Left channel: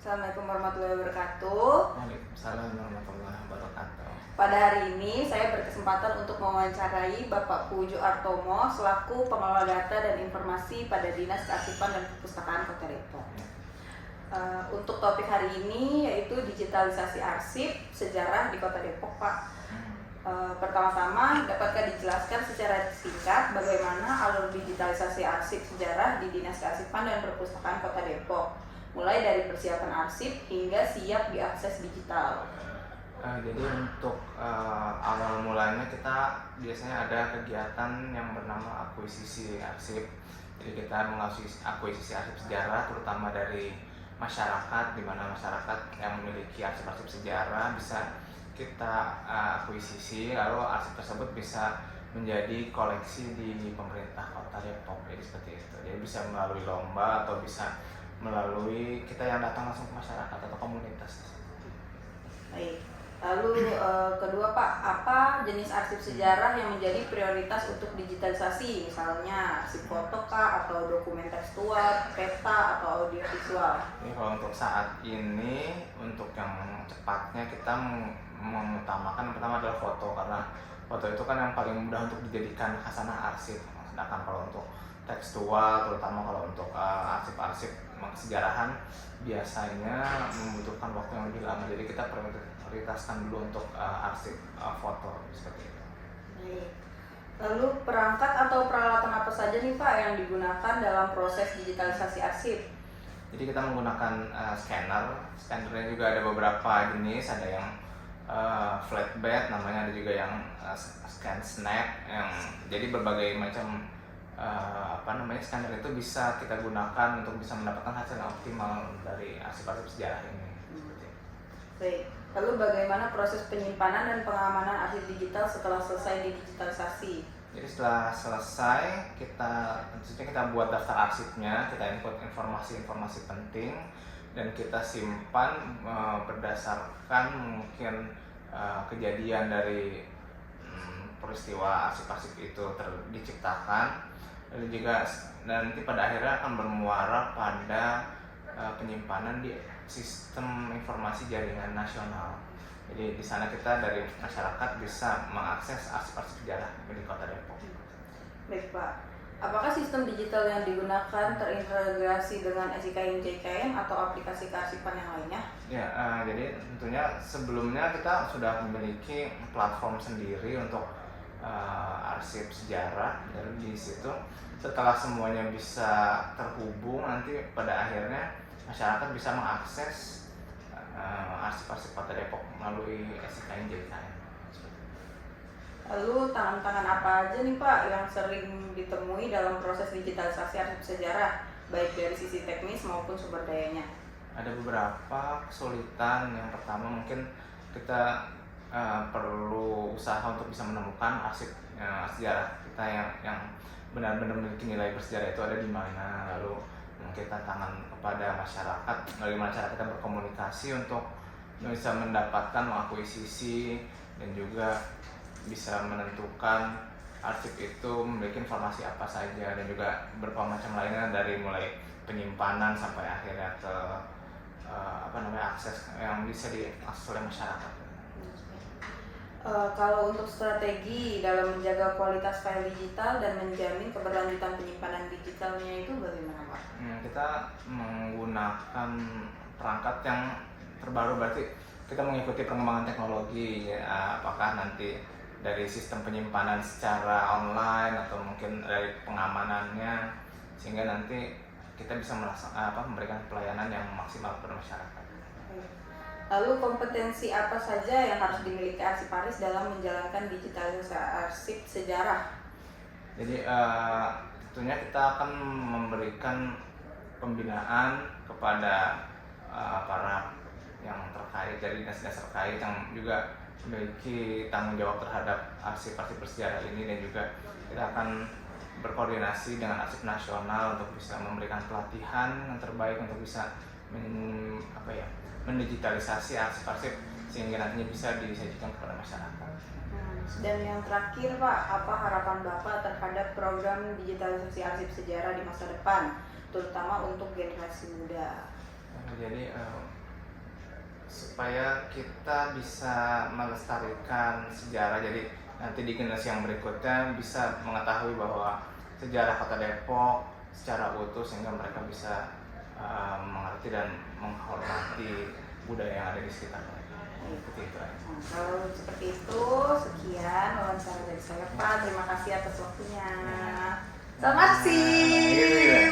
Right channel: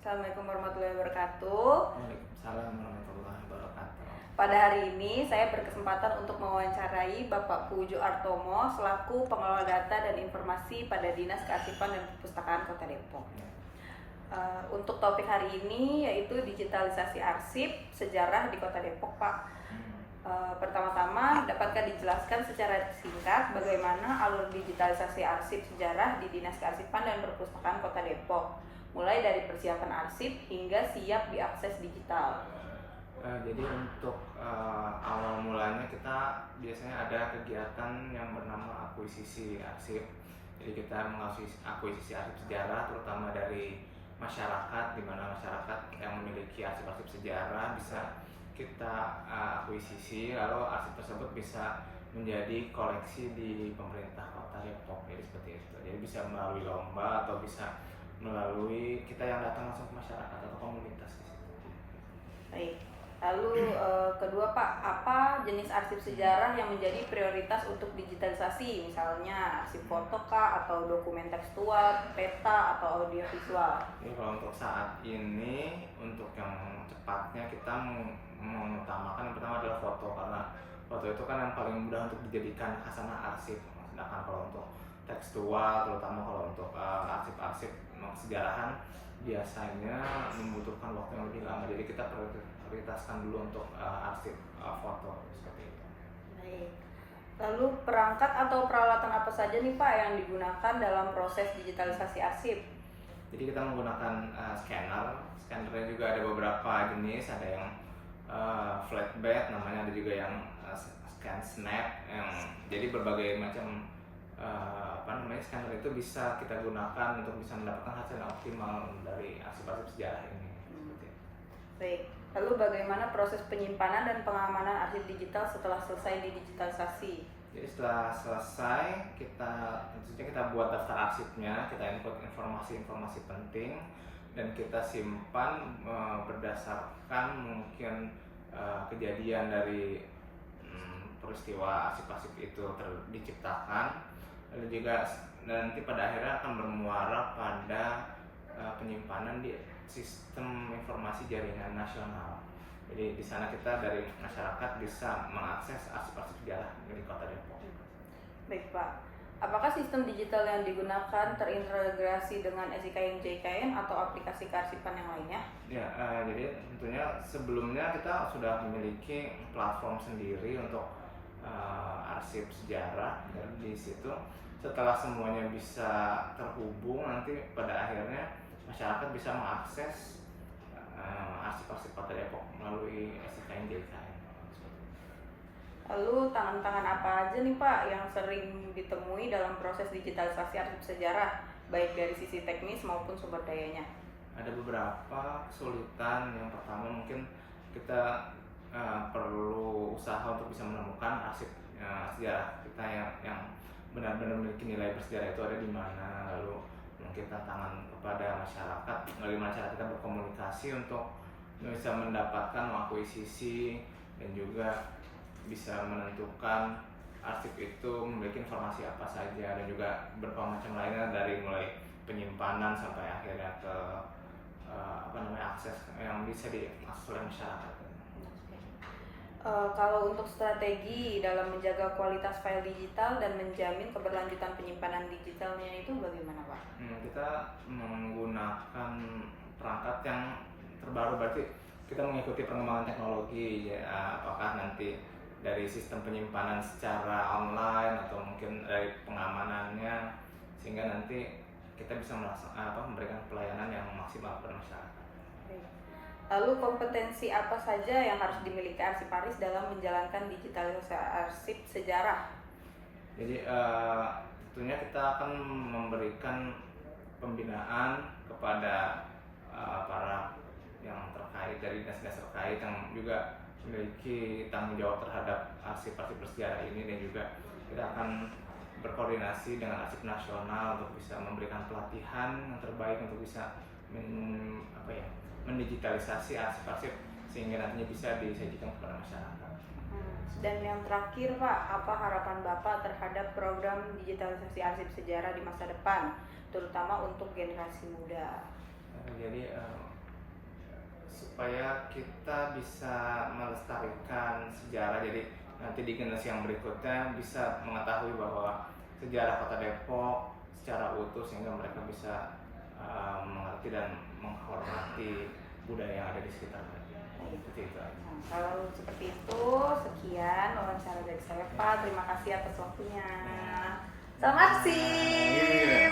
Assalamualaikum warahmatullahi wabarakatuh. Waalaikumsalam warahmatullahi wabarakatuh. Pada hari ini saya berkesempatan untuk mewawancarai Bapak Puju Artomo selaku pengelola data dan informasi pada Dinas Kearsipan dan Perpustakaan Kota Depok. Untuk topik hari ini yaitu digitalisasi arsip sejarah di Kota Depok, Pak. Pertama-tama, dapatkah dijelaskan secara singkat bagaimana alur digitalisasi arsip sejarah di Dinas Kearsipan dan Perpustakaan Kota Depok, mulai dari persiapan arsip hingga siap diakses digital? Jadi untuk awal mulanya kita biasanya ada kegiatan yang bernama akuisisi arsip. Jadi kita mengakuisisi arsip sejarah terutama dari masyarakat, di mana masyarakat yang memiliki arsip-arsip sejarah bisa kita akuisisi, lalu arsip tersebut bisa menjadi koleksi di pemerintah Kota Depok. Jadi seperti itu. Jadi bisa melalui lomba atau bisa melalui kita yang datang langsung ke masyarakat atau komunitas. Baik. Lalu kedua, Pak, apa jenis arsip sejarah yang menjadi prioritas untuk digitalisasi? Misalnya arsip foto kah, atau dokumen tekstual, peta, atau audio visual? Ini kalau untuk saat ini, untuk yang cepatnya kita mengutamakan yang pertama adalah foto, karena foto itu kan yang paling mudah untuk dijadikan khasanah arsip. Sedangkan kalau untuk tekstual, terutama kalau untuk arsip-arsip kesejarahan, biasanya membutuhkan waktu yang lebih lama. Jadi kita prioritaskan dulu untuk arsip foto seperti itu. Baik. Lalu perangkat atau peralatan apa saja nih, Pak, yang digunakan dalam proses digitalisasi arsip? Jadi kita menggunakan scannernya juga ada beberapa jenis, ada yang flatbed namanya, ada juga yang scan snap, yang jadi berbagai macam scanner itu bisa kita gunakan untuk bisa mendapatkan hasil yang optimal dari arsip-arsip sejarah ini. Baik. Lalu bagaimana proses penyimpanan dan pengamanan arsip digital setelah selesai didigitalisasi? Jadi setelah selesai, tentunya kita buat daftar arsipnya, kita input informasi-informasi penting, dan kita simpan berdasarkan mungkin kejadian dari peristiwa arsip-arsip itu diciptakan. Lalu juga nanti pada akhirnya akan bermuara pada penyimpanan di sistem informasi jaringan nasional. Jadi di sana kita dari masyarakat bisa mengakses arsip-arsip sejarah di Kota Depok. Baik, Pak. Apakah sistem digital yang digunakan terintegrasi dengan SIKM JKN atau aplikasi kearsipan yang lainnya? Ya, jadi tentunya sebelumnya kita sudah memiliki platform sendiri untuk arsip sejarah. Dan di situ setelah semuanya bisa terhubung, nanti pada akhirnya masyarakat bisa mengakses arsip-arsip Kota Depok melalui SIKM JKN. Lalu tantangan apa aja nih, Pak, yang sering ditemui dalam proses digitalisasi arsip sejarah, baik dari sisi teknis maupun sumber dayanya? Ada beberapa kesulitan. Yang pertama mungkin kita perlu usaha untuk bisa menemukan arsip sejarah kita yang benar-benar memiliki nilai bersejarah itu ada di mana. Lalu mungkin tantangan kepada masyarakat, bagaimana cara kita berkomunikasi untuk bisa mendapatkan mengakuisisi dan juga bisa menentukan arsip itu memiliki informasi apa saja, dan juga berbagai macam lainnya, dari mulai penyimpanan sampai akhirnya ke akses yang bisa diakses oleh masyarakat. Kalau untuk strategi dalam menjaga kualitas file digital dan menjamin keberlanjutan penyimpanan digitalnya itu bagaimana, Pak? Kita menggunakan perangkat yang terbaru, berarti kita mengikuti perkembangan teknologi ya, apakah nanti dari sistem penyimpanan secara online atau mungkin dari pengamanannya, sehingga nanti kita bisa memberikan pelayanan yang maksimal kepada masyarakat. Lalu kompetensi apa saja yang harus dimiliki arsiparis dalam menjalankan digitalisasi arsip sejarah? Jadi tentunya kita akan memberikan pembinaan kepada para yang terkait dari dinas-dinas terkait yang juga memiliki tanggung jawab terhadap arsip-arsip bersejarah ini, dan juga kita akan berkoordinasi dengan arsip nasional untuk bisa memberikan pelatihan yang terbaik untuk bisa mendigitalisasi arsip-arsip sehingga nantinya bisa disajikan kepada masyarakat. Dan yang terakhir, Pak, apa harapan Bapak terhadap program digitalisasi arsip sejarah di masa depan, terutama untuk generasi muda? Jadi jadi supaya kita bisa melestarikan sejarah, jadi nanti di generasi yang berikutnya bisa mengetahui bahwa sejarah Kota Depok secara utuh, sehingga mereka bisa mengerti dan menghormati budaya yang ada di sekitar mereka. Seperti itu aja. Nah, kalau seperti itu, sekian wawancara dari saya Pak. Terima kasih atas waktunya. Selamat Iya, iya. sih.